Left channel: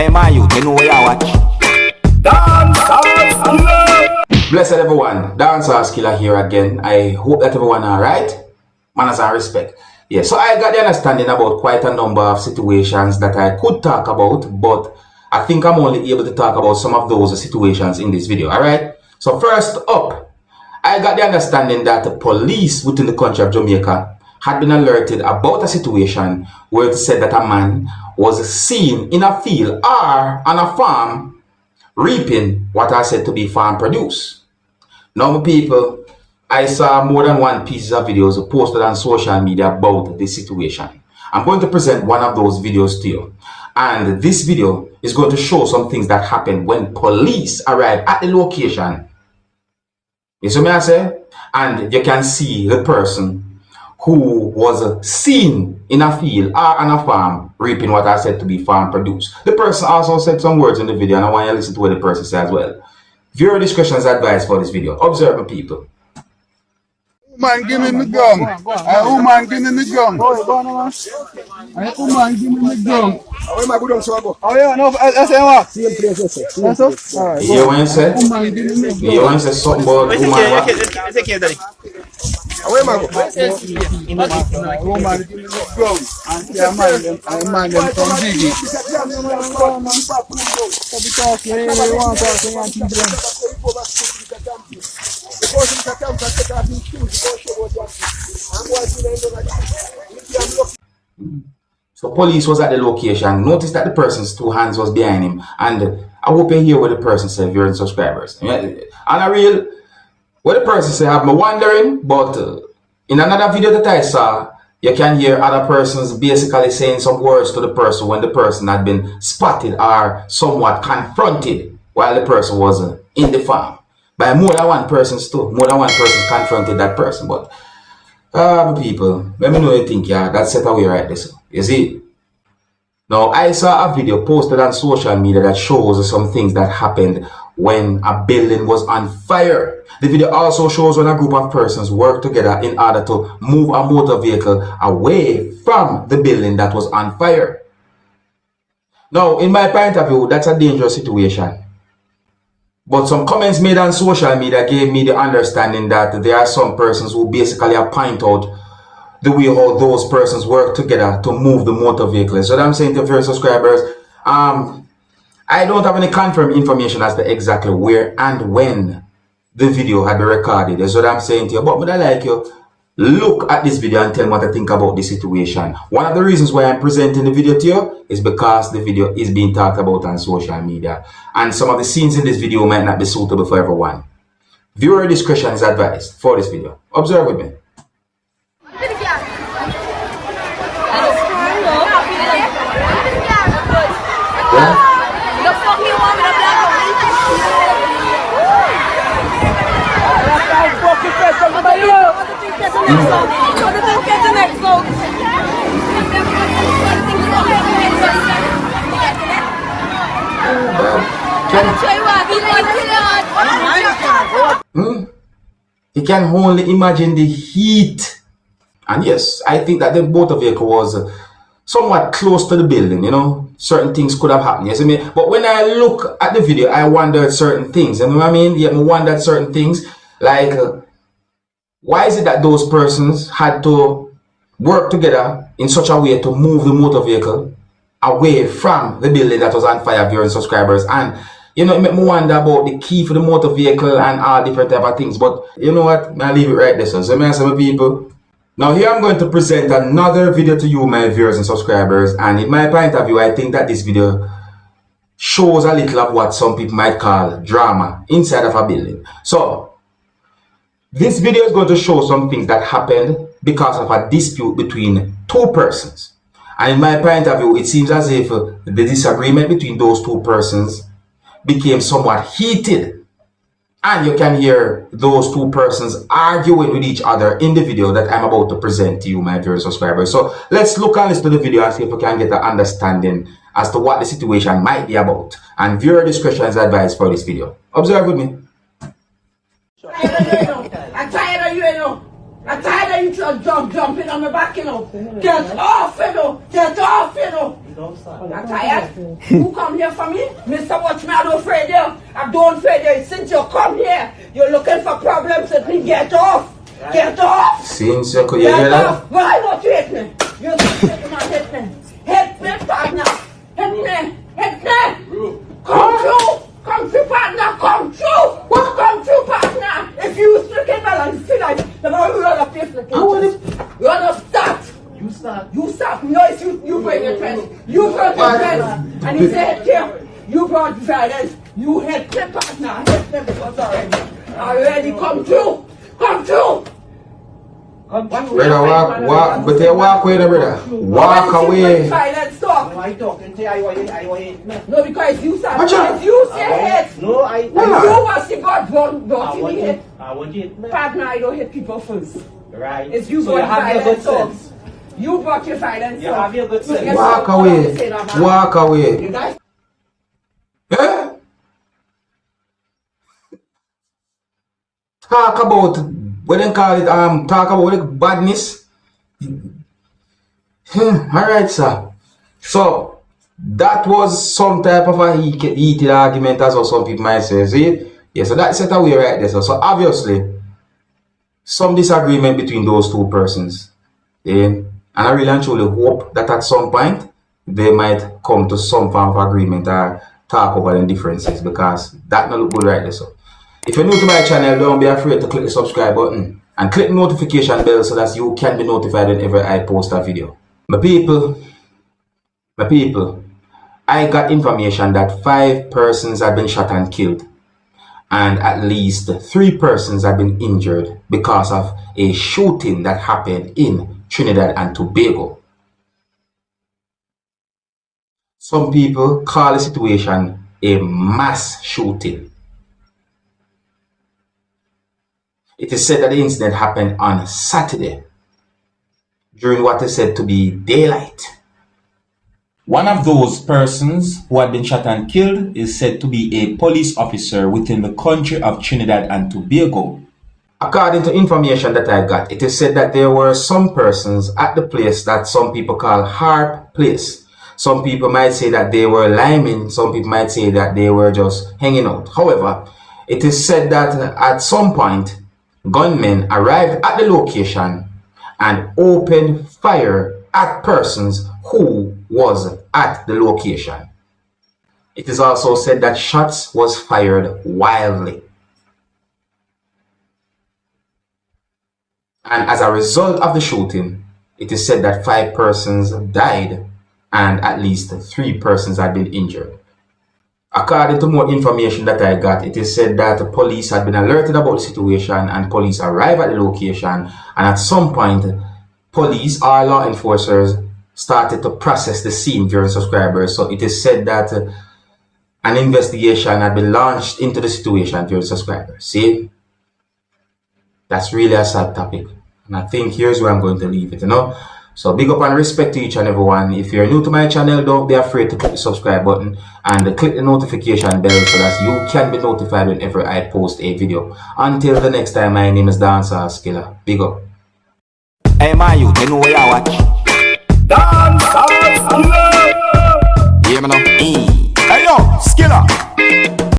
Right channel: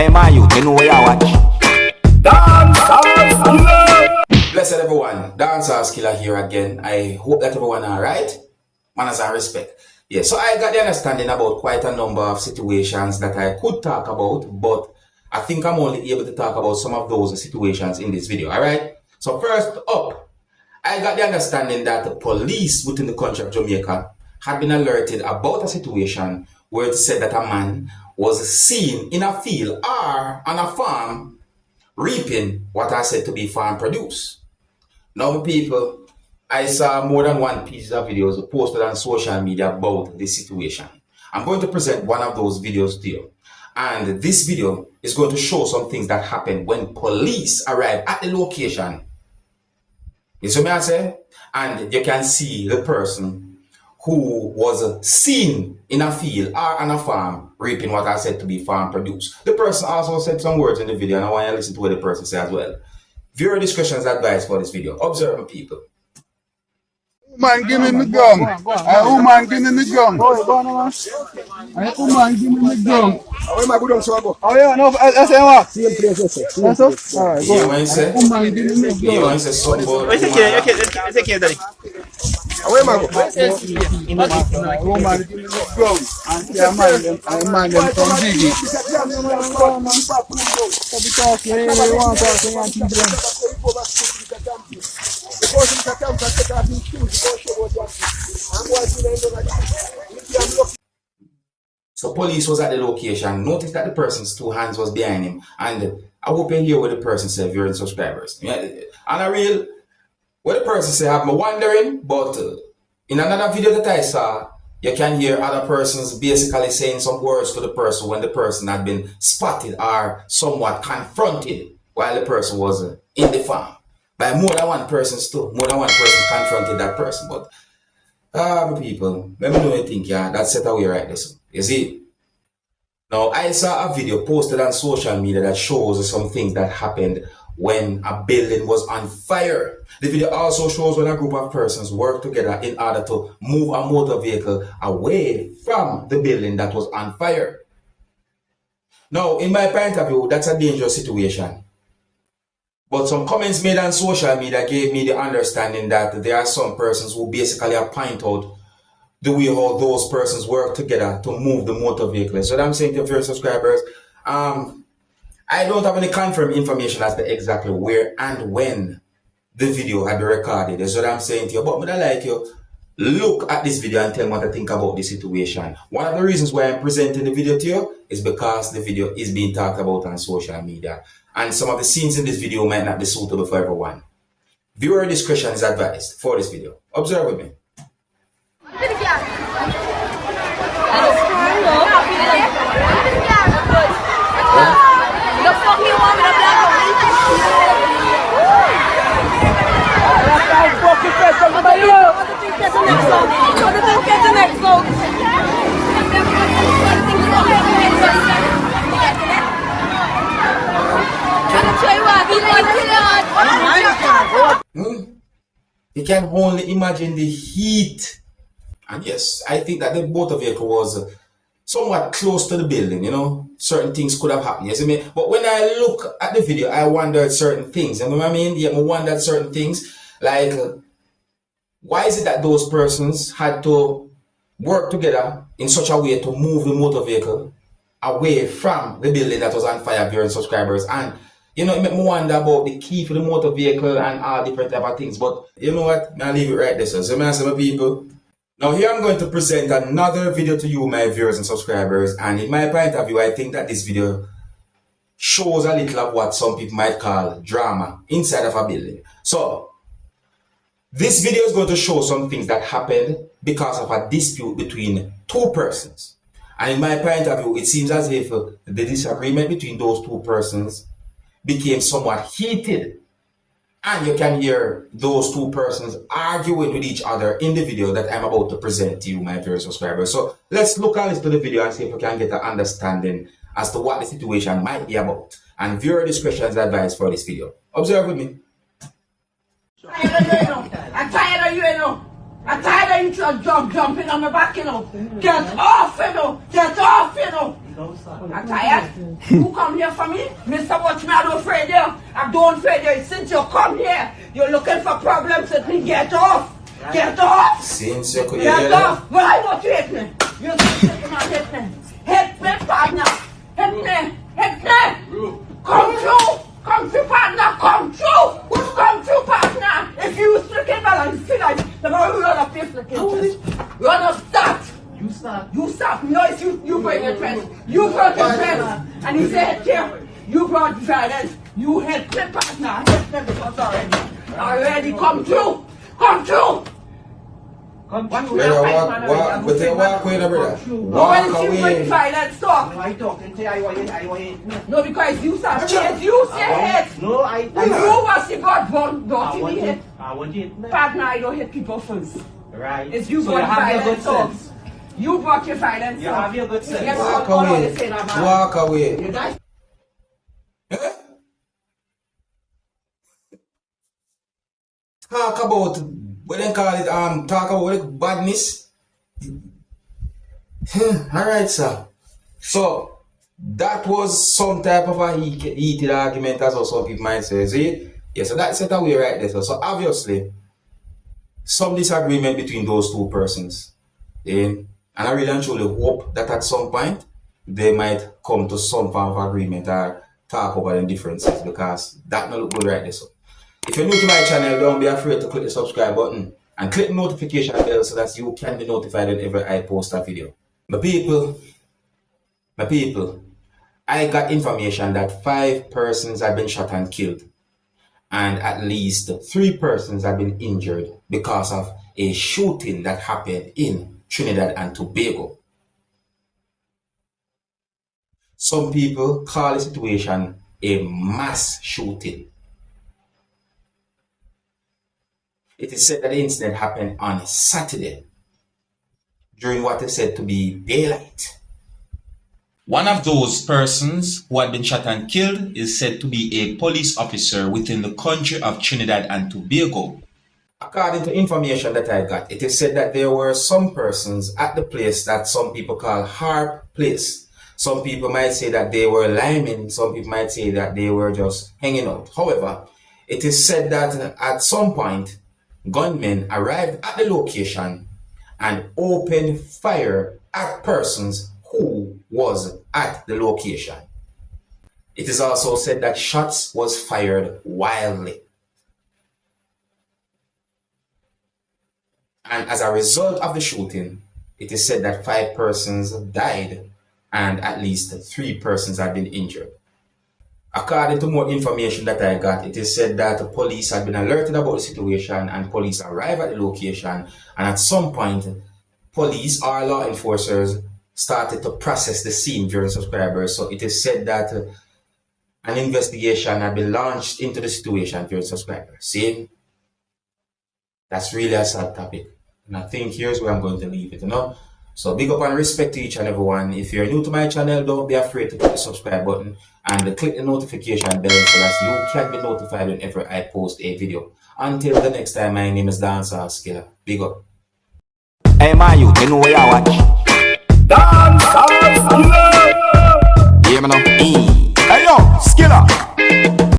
Hey man, you know where you watch. Dancehall skilla. Blessed everyone, Dancehall skilla here again. I hope that everyone alright. Manners and respect. Yeah, so I got the understanding about quite a number of situations that I could talk about, but I think I'm only able to talk about some of those situations in this video, alright? So first up, I got the understanding that the police within the country of Jamaica had been alerted about a situation where it said that a man was seen in a field or on a farm reaping what are said to be farm produce. Now, people, I saw more than one piece of videos posted on social media about this situation. I'm going to present one of those videos to you. And this video is going to show some things that happened when police arrived at the location. You see what I say? And you can see the person who was seen in a field or on a farm reaping what I said to be farm produce. The person also said some words in the video, and I want you to listen to what the person said as well. Viewer discretion is advised for this video. Observe people. Man, give me the gun. Man, give me the gun. Man, give me the gun. Where am I going to go? Oh, yeah, no, that's what? Same place, sir. That's all? All right, You want to say? Man, give me the gun. You want to say something about Where am I going? Man, give me the gun. And yeah, man, them from Biggie. Because you want So police was at the location, noticed that the person's two hands was behind him, and I hope you hear what the person said, viewers and subscribers. And I real, what the person said have me wondering, but in another video that I saw, you can hear other persons basically saying some words to the person when the person had been spotted or somewhat confronted while the person was in the farm. By more than one person too. More than one person confronted that person. But people, let me know you think, yeah, that's set away right this. You see? Now I saw a video posted on social media that shows some things that happened when a building was on fire. The video also shows when a group of persons worked together in order to move a motor vehicle away from the building that was on fire. Now, in my point of view, that's a dangerous situation. But some comments made on social media gave me the understanding that there are some persons who basically point out the way how those persons work together to move the motor vehicle. So what I'm saying to your subscribers, I don't have any confirmed information as to exactly where and when the video had been recorded. That's what I'm saying to you. But would I like you look at this video and tell me what I think about the situation. One of the reasons why I'm presenting the video to you is because the video is being talked about on social media. And some of the scenes in this video might not be suitable for everyone. Viewer discretion is advised for this video. Observe with me. You can only imagine the heat. And yes, I think that the motor vehicle was somewhat close to the building, you know. Certain things could have happened, you see me? But when I look at the video, I wondered certain things, you know what I mean? Yeah, I wondered certain things, like why is it that those persons had to work together in such a way to move the motor vehicle away from the building that was on fire, viewers and subscribers? And you know, it made me wonder about the key for the motor vehicle and all different type of things. But you know what? I'll leave it right there. So me and some people. Now here I'm going to present another video to you, my viewers and subscribers. And in my point of view, I think that this video shows a little of what some people might call drama inside of a building. So this video is going to show some things that happened because of a dispute between two persons. And in my point of view, it seems as if the disagreement between those two persons became somewhat heated. And you can hear those two persons arguing with each other in the video that I'm about to present to you, my viewers and subscribers. So let's look and listen to the video and see if we can get an understanding as to what the situation might be about. And viewer discretion is advised for this video. Observe with me. I'm tired of you, you know. I'm tired of you just jumping on my back, you know. Get off, you know. Get off, you know. I'm tired. You come here for me? Mr. Watchman, I don't afraid you. I don't afraid you. Since you come here, you're looking for problems with me. Get off. Get off. Since you could Get off. Well, I want you hit me. You're hit me. Hit me, partner. Hit me. Hit me. Come through. Come through, partner. Come through. Come through, partner. If you stricken balance, feel like the man will run up your flicking. Run up, start. You start. You start. No, it's you bring your friends. You brought your friends. And you say hit here. You brought violence. You hit me, partner. Hit me because already come through. Come through. Brother, walk, but they walk away, brother. Walk away. Violence, stop. I talking to you, I want No, because you start. Watch out. It's you say hit. No, I You was the God, don't want you hit. it. I want it. Partner, I don't hit people first. Right. It's you so you brought have your good violence. sense. You brought your violence. You have your good sense. Walk away. Walk away. You guys. Eh? Talk about what they call it, talk about the badness. Alright, sir. So that was some type of a heated argument, as well some people might say. See it? Yeah, so that's set away right there. So obviously some disagreement between those two persons. And I really and truly hope that at some point they might come to some form of agreement or talk over the differences, because that not look good right there. So if you're new to my channel, don't be afraid to click the subscribe button and click the notification bell so that you can be notified whenever I post a video. My people, I got information that 5 persons have been shot and killed, and at least 3 persons have been injured because of a shooting that happened in Trinidad and Tobago. Some people call the situation a mass shooting. It is said that the incident happened on Saturday during what is said to be daylight. One of those persons who had been shot and killed is said to be a police officer within the country of Trinidad and Tobago. According to information that I got, it is said that there were some persons at the place that some people call Harp Place. Some people might say that they were liming, some people might say that they were just hanging out. However, it is said that at some point, gunmen arrived at the location and opened fire at persons who was at the location. It is also said that shots was fired wildly. And as a result of the shooting, it is said that 5 persons died and at least 3 persons have been injured. According to more information that I got, it is said that the police had been alerted about the situation and police arrived at the location, and at some point, police or law enforcers started to process the scene during subscribers. So it is said that an investigation had been launched into the situation during subscribers. See? That's really a sad topic. And I think here's where I'm going to leave it, you know? So big up and respect to each and everyone. If you're new to my channel, don't be afraid to click the subscribe button and click the notification bell so that you can be notified whenever I post a video. Until the next time, my name is Dancehall Skilla. Big up. Hey, my youth, you know where you watch? Dancehall Skilla. Hear me now? Hey, yo, Skilla.